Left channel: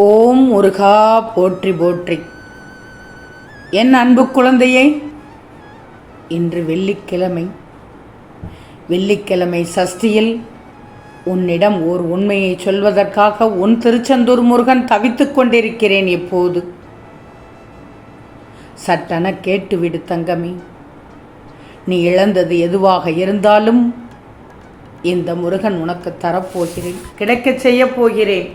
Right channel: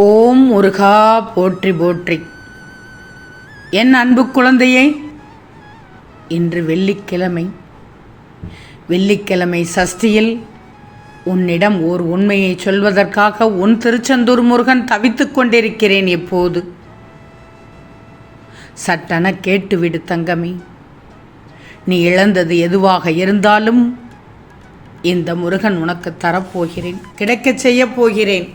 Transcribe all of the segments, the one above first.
ஓம் முருகா போற்றி போற்றி. என் அன்பு குழந்தையே, இன்று வெள்ளிக்கிழமை சஷ்டியில் உன்னிடம் ஓர் உண்மையை சொல்வதற்காக உன் திருச்செந்தூர் முருகன் தவித்துக் கொண்டிருக்கிறேன். இப்போது சட்டென கேட்டுவிடு தங்கமே. நீ இழந்தது எதுவாக இருந்தாலும் இந்த முருகன் உனக்கு தரப்போகிறேன், கிடைக்கச் செய்ய போகிறேன்.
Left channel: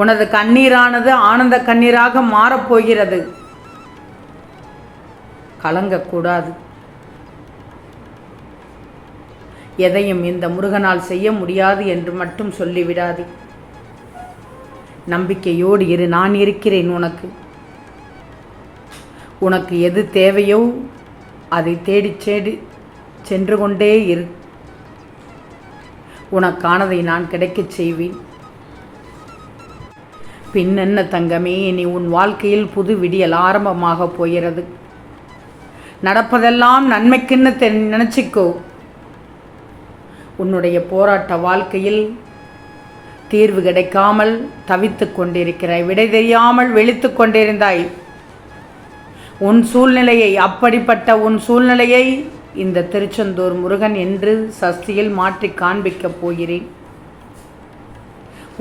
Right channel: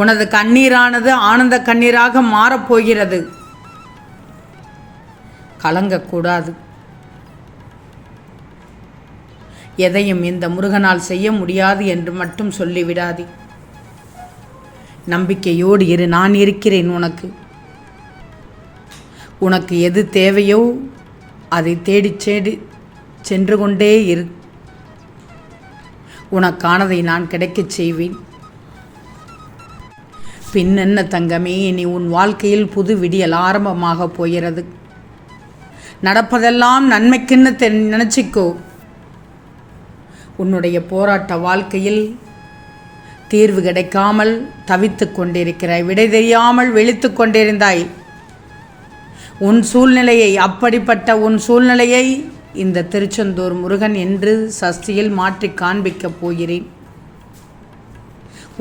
உனது கண்ணீரானது ஆனந்த கண்ணீராக மாறப்போகிறது. கலங்கக்கூடாது. எதையும் இந்த முருகனால் செய்ய முடியாது என்று மட்டும் சொல்லிவிடாதே. நம்பிக்கையோடு இரு, நான் இருக்கிறேன் உனக்கு. உனக்கு எது தேவையோ அதை தேடி சென்று கொண்டே இரு. உனக்கானதை நான் கிடைக்கச் செய்வேன். பின்னென்ன தங்கமே, இனி உன் வாழ்க்கையில் புது விடியல் ஆரம்பமாக போகிறது. நடப்பதெல்லாம் நன்மைக்குன்னு நினச்சிக்கோ. உன்னுடைய போராட்ட வாழ்க்கையில் தீர்வு கிடைக்காமல் தவித்து கொண்டிருக்கிறாய், விடை தெரியாமல் விழித்து கொண்டிருந்தாய். அப்படிப்பட்ட உன் சூழ்நிலையை இந்த திருச்செந்தூர் முருகன் என்று சஷ்டியில் மாற்றி காண்பிக்கப் போகிறேன்.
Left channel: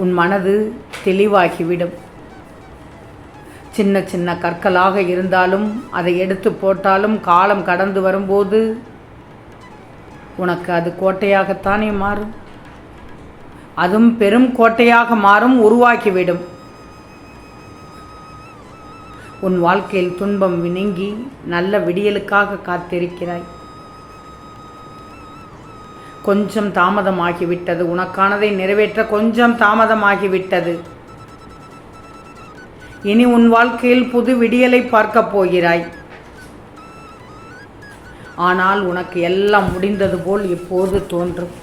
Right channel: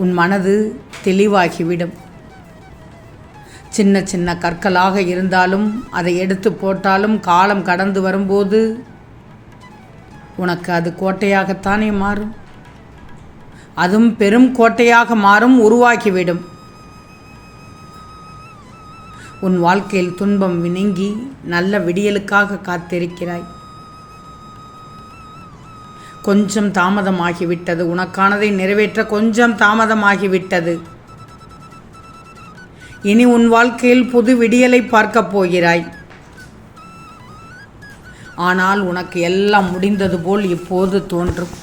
உன் மனது தெளிவாகிவிடும். சின்ன சின்ன கற்களாக இருந்தாலும் அதை எடுத்து போட்டாலும் காலம் கடந்து வரும்போது உனக்கு அது கோட்டையாகத்தானே மாறும். அதுவும் பெரும் கோட்டையாக மாறும், உருவாக்கிவிடும். உன் வாழ்க்கையில் துன்பம் நீங்கி நல்ல விடியலுக்காக காத்திருக்கிறாய். கொஞ்சம் தாமதமாகிவிட்டது. உனக்கானதை நிறைவேற்ற கொஞ்சம் தாமதமாகிவிட்டது. இனி உன் வாழ்க்கையில் புது விடியலை பார்க்கப் போகிறாய். ஆனால் உனக்கு எல்லாம் முடிந்தது போல் இப்போது தோன்றும்.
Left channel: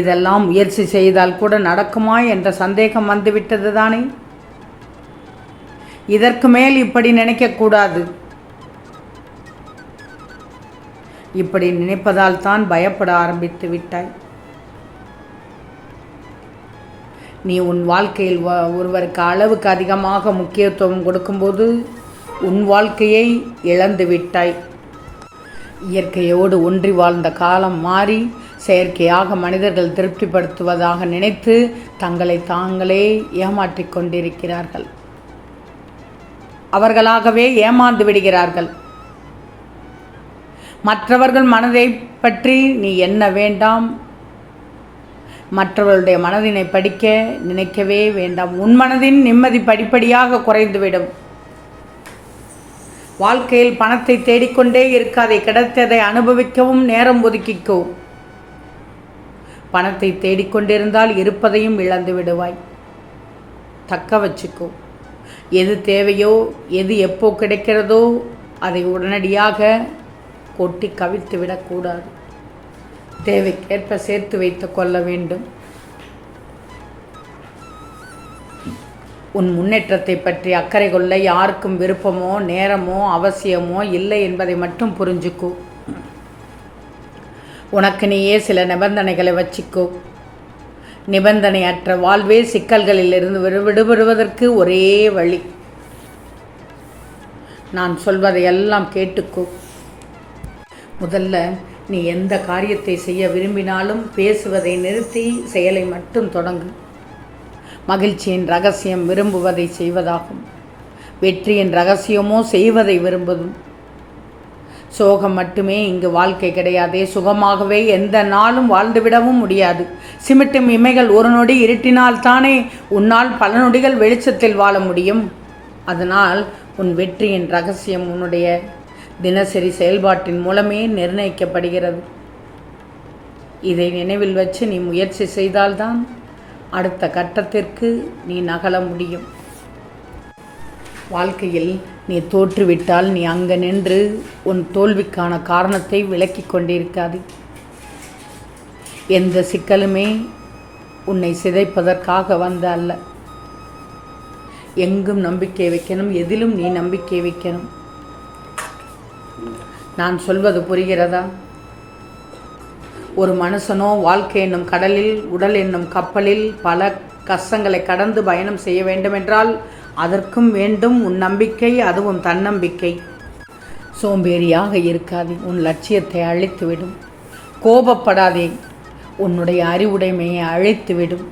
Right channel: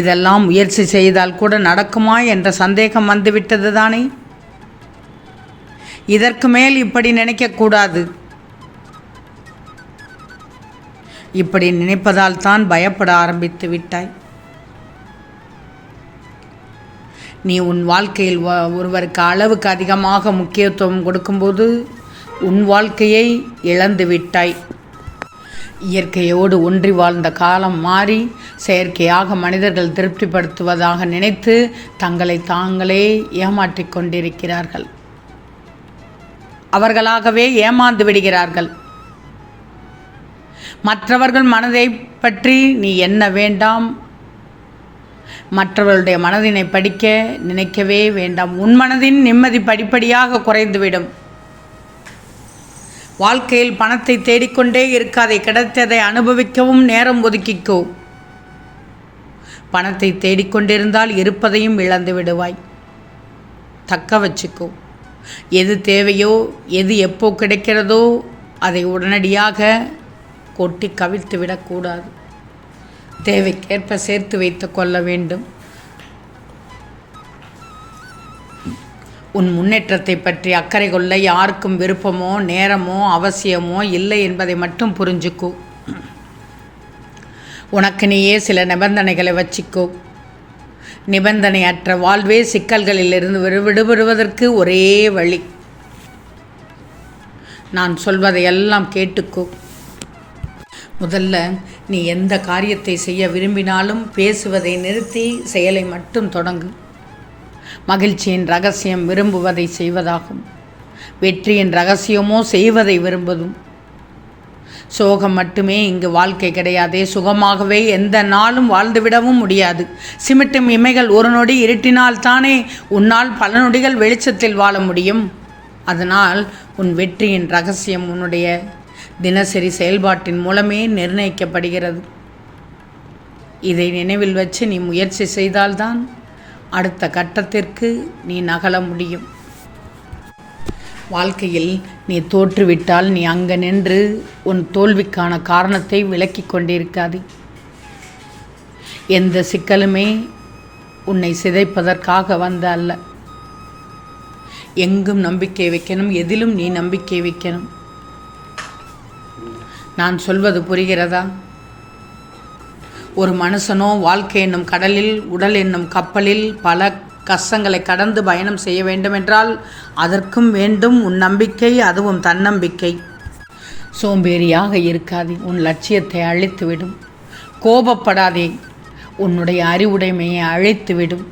இதெல்லாம் முயற்சி செய்தால் கூட நடக்குமா என்ற சந்தேகம் வந்துவிட்டது தானே. இதற்கு மேல் இப்படி நினைக்கக்கூடாது. இப்படி நினைப்பதால் தான் பயப்பட ஆரம்பித்து விட்டாய். நீ உன் வாழ்க்கையில் ஒருவருக்கு அளவுக்கு அதிகமாக முக்கியத்துவம் கொடுக்கும்போது உன் வாழ்க்கையை இழந்து விட்டாய். இயற்கையோடு ஒன்றி வாழ்ந்த காலம் மாறி செயற்கையாக மனிதர்கள் திருப்திப்படுத்துவதாக நினைத்து தங்களை தாங்களே ஏமாற்றிக் கொண்டிருக்கிறார்கள். அவர்களாகவே ஏமாந்து விடுகிறார்கள். மற்றவர்கள் மனதை பற்றி நீ எண்ண வேண்டாம். மற்றவர்களுடைய மனதினை படிக்க நினைக்கவே வேண்டாம். உன் மனதின் நிம்மதி படிப்படியாக குறைந்துவிடும். வாழ்க்கையில் பணத்தை தேடிக்கொண்டே இருக்காதே. கிடைத்ததை அனுபவிக்கவும் நேரம் ஒதுக்கிக்கோ. பணத்தை தேடிக்கொண்டிருந்தால் இருப்பதையும் இழந்து விடுவாய். தக்க வச்சுக்கோ. எது தேவையோ, எது எப்போ கிடைக்கிறதோ அதை உடனடியாக கொட்டி கவிழ்த்து விடக்கூடாது. தேவைக்கேற்ப சேர்த்து வைத்து கொள்ள வேண்டும். உன் முன்னேற்றத்தை பற்றி அக்கறை கொள்ள யாருக்கும் விருப்பமோ நேரமோ அவசியமோ இல்லை என்பதை மட்டும் புரிஞ்சுக்கோ. உனக்கு நீயே சில நிபந்தனைகளை வச்சுக்கோ. நிபந்தனையற்ற வாழ்வே சிக்கல்களிலிருந்து விடுபடுவதற்கு ஒரே வழி. நான் சொல்வதையெல்லாம் கேட்டுக்கோ. முதல்ல நீ எந்த காரியத்தை செய்ய விரும்பினாலும் பேசுவதை நிறுத்தி செயலை மட்டும் தொடங்கு. மகிழ்ச்சியின் ரகசியம் விரும்புவதை செய்வதாகும். வெற்றியின் ரகசியமோ செய்வதை விரும்புவதும். சோகம் மட்டுமே இங்கு வாழ்க்கை கிடையாதே. சுகமாகவே எந்த நாளும் வாழ்ந்துவிடவும் முடியாது. சிமிட்டும் இமைகள் ஒரு நொடி இருட்டினால் தானே உன்னால் பல நொடிகள் வெளிச்சத்தில் வாழ முடியும். அதனால் உன் வெற்றியின் ரகசியம் உன்னுடைய தினசரி செயல்பாட்டின் மூலமே நிர்ணயிக்கப்படுகிறது. இதை நினைவில் வச்சு நீ முயற்சி செய்தால்தான் அடுத்த கட்டத்திற்கு நீ நகல முடியும். வாழ்க்கையில் நீ தோற்றுவிட்டால் நீ அங்கே நின்று உன் தோல்விக்கான காரணத்தை விளக்கி கொண்டிருக்காது. எந்த சிக்கலுமே உன்னை சிதைப்பதற்காக வந்த அல்ல. எங்கும் நம்பிக்கை வைக்கணும், எதிலும் நீ நம்பிக்கை வைக்கணும். நான் சொல்வது புரிகிறதா? ஒரு மனுஷனோ வாழ்க்கை என்னும் கடலில், உடல் என்னும் கப்பலில் பல கஷ்டங்களை கடந்து பயணம் செய்ய வேண்டுமென்றால் அதற்கும் வேண்டும் உன் நம்பிக்கை, அதுவும் தன்னம்பிக்கை. சோம்பேறியாக இருக்காதே, உன் லட்சியத்தை அழித்துவிடும். கோபப்படாதே, உன்னுடைய அறிவுடைமையை அழித்துவிடும்.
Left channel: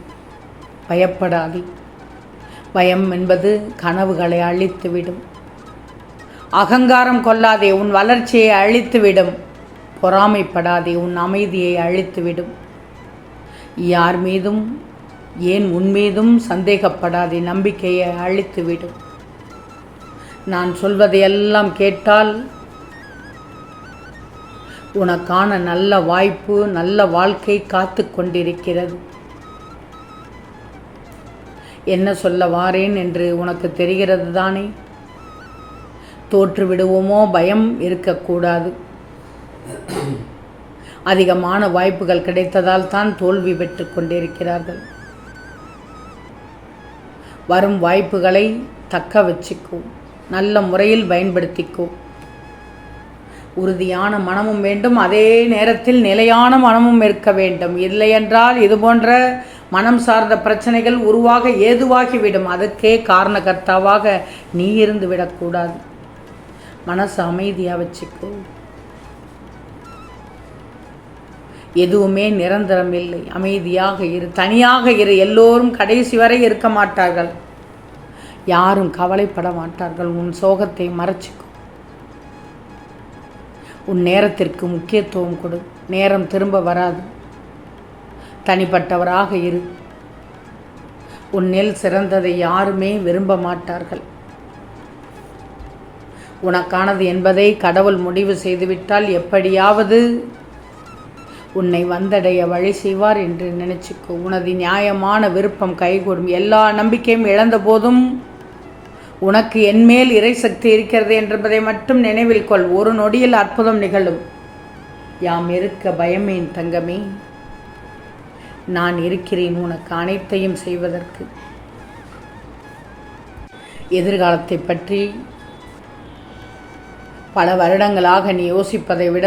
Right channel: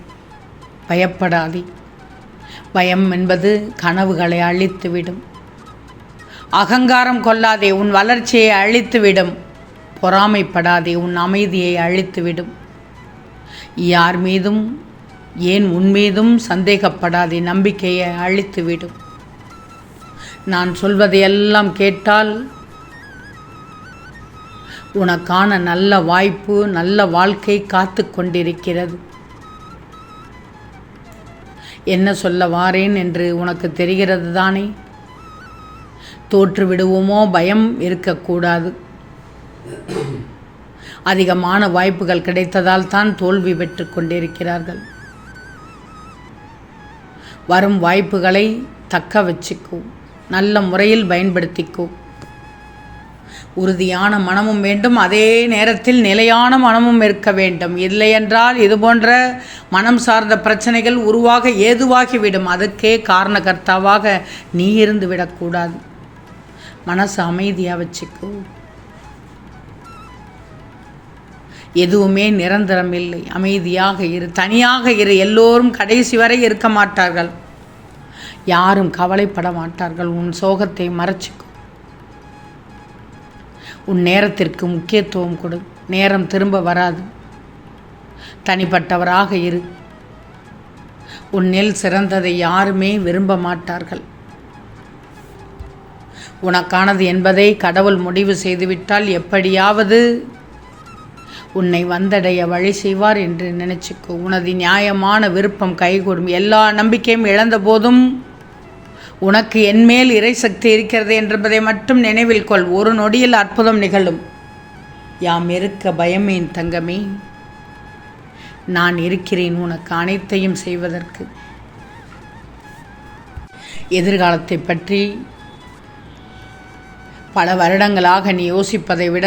பயப்படாதே, பயம் என்பது கனவுகளை அழித்துவிடும். அகங்காரம் கொள்ளாதே, உன் வளர்ச்சியை அழித்துவிடும். பொறாமைப்படாதே, உன் அமைதியை அழித்துவிடும். யார் மீதும் ஏன் உன் மீதும் சந்தேகப்படாதே, நம்பிக்கையை அழித்துவிடும். நான் சொல்வதையெல்லாம் கேட்டால் உனக்கான நல்ல வாய்ப்பு, நல்ல வாழ்க்கை காத்து கொண்டிருக்கிறது. என்ன சொல்ல வாரேன் என்று உனக்கு தெரிகிறது தானே? தோற்று விடுவோமோ பயம் இருக்கக்கூடாது. அதிகமான வாய்ப்புகள் கிடைத்ததால் தான் தோல்வி பெற்று கொண்டிருக்கிறார்கள். வரும் வாய்ப்புகளை தக்க வச்சுக்கோ, நல்ல முறையில் பயன்படுத்திக்கோ. உறுதியான மனமும் வேண்டும், அதே நேரத்தில் நிலையான மனமும் இருக்க வேண்டும். இல்லையென்றால் இது போன்ற மனம் சார்ந்த பிரச்சனைகள் உருவாக ஏதுவாகிவிடும். அதுக்கே காரணகர்த்தாவாக நீ இருந்து விடக்கூடாது. மனசு அமைதியாக வச்சுக்கோ. எதுவுமே நிரந்தரம் இல்லை. அமைதியாக இரு, தனியாக இரு. எல்லோரும் கடைசி வரை இருக்க மாட்டார்கள். யாரும் கவலைப்பட மாட்டார்கள். உன் சோகத்தை மறைச்சிக்கோ. உன் நேரத்திற்கு முக்கியத்துவம் கொடு. நேரம் திரும்ப வராது. தனிப்பட்டவராக இரு. உன்னில் சிறந்ததை யாருமே விரும்ப மாட்டார்கள். உனக்கானது என்பதை கடவுள் முடிவு செய்துவிட்டால் எப்படியாவது உன்னை வந்தடைய வழி செய்வார் என்று நினைச்சுக்கோ. உனது நியாயமான விருப்பம் கைகூடும். எல்லா நம்பிக்கையும் இழந்த போதும் உனக்கு என்மேல் இறை சக்தி இருக்கிறது என்பதை மட்டும் நினைவில் கொள். ஒரு நொடியில் அற்புதம் நிகழும். யாம் இருக்க பயமேன் தங்கமே, நான் இருக்கிறேன் உனக்கு அனைத்தையும் செய்வதற்கு. எதிர்காலத்தை பற்றி பல வருடங்களாக நீ யோசிப்பதை விட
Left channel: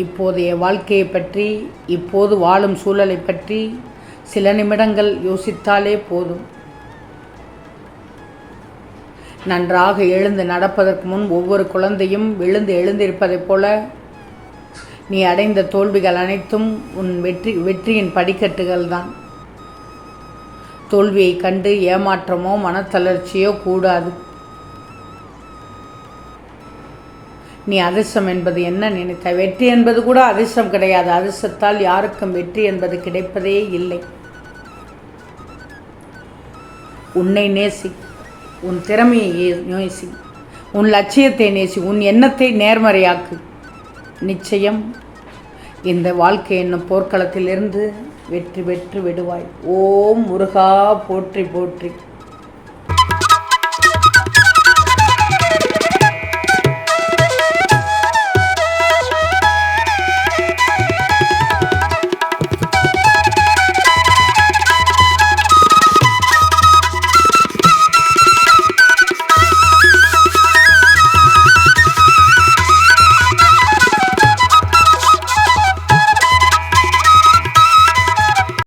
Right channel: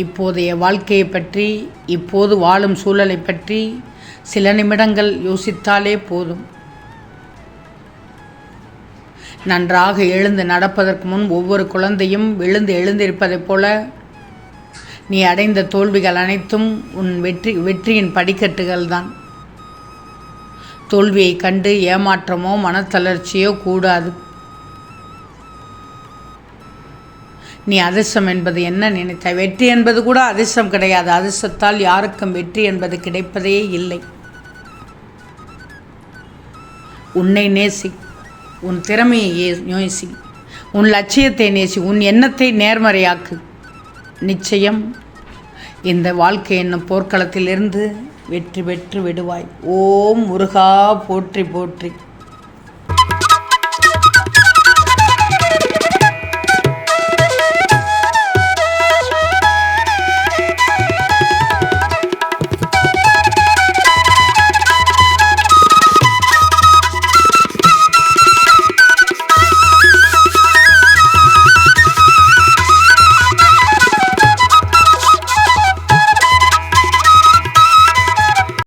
இப்போதைய வாழ்க்கையை பற்றி, இப்போது வாழும் சூழலை பற்றி சில நிமிடங்கள் யோசித்தாலே போதும். நன்றாக எழுந்து நடப்பதற்கு முன் ஒவ்வொரு குழந்தையும் எழுந்திருப்பதைப் போல நீ அடைந்த தோல்விகள் அனைத்தும் உன் வெற்றியின் படிக்கட்டுகள் தான். தோல்வியை கண்டு ஏமாற்றமோ மனத்தளர்ச்சியோ கூடாது. நீ அதிர்ஷ்டம் என்பது என்ன நினைத்தாய்? வெற்றி என்பது கூட அதிர்ஷ்டம் கிடையாது. அதிர்ஷ்டத்தால் யாருக்கும் வெற்றி என்பது கிடைப்பதே இல்லை. உன்னை நேசி, உன் திறமையை நேசி, உன் லட்சியத்தை நேசி, உன் எண்ணத்தை நேர்மறையாக்கு. நிச்சயம் இந்த வாழ்க்கை என்னும் போர்க்களத்திலிருந்து வெற்றி பெற்று விடுவாய். ஓம் முருகா போற்றி போற்றி.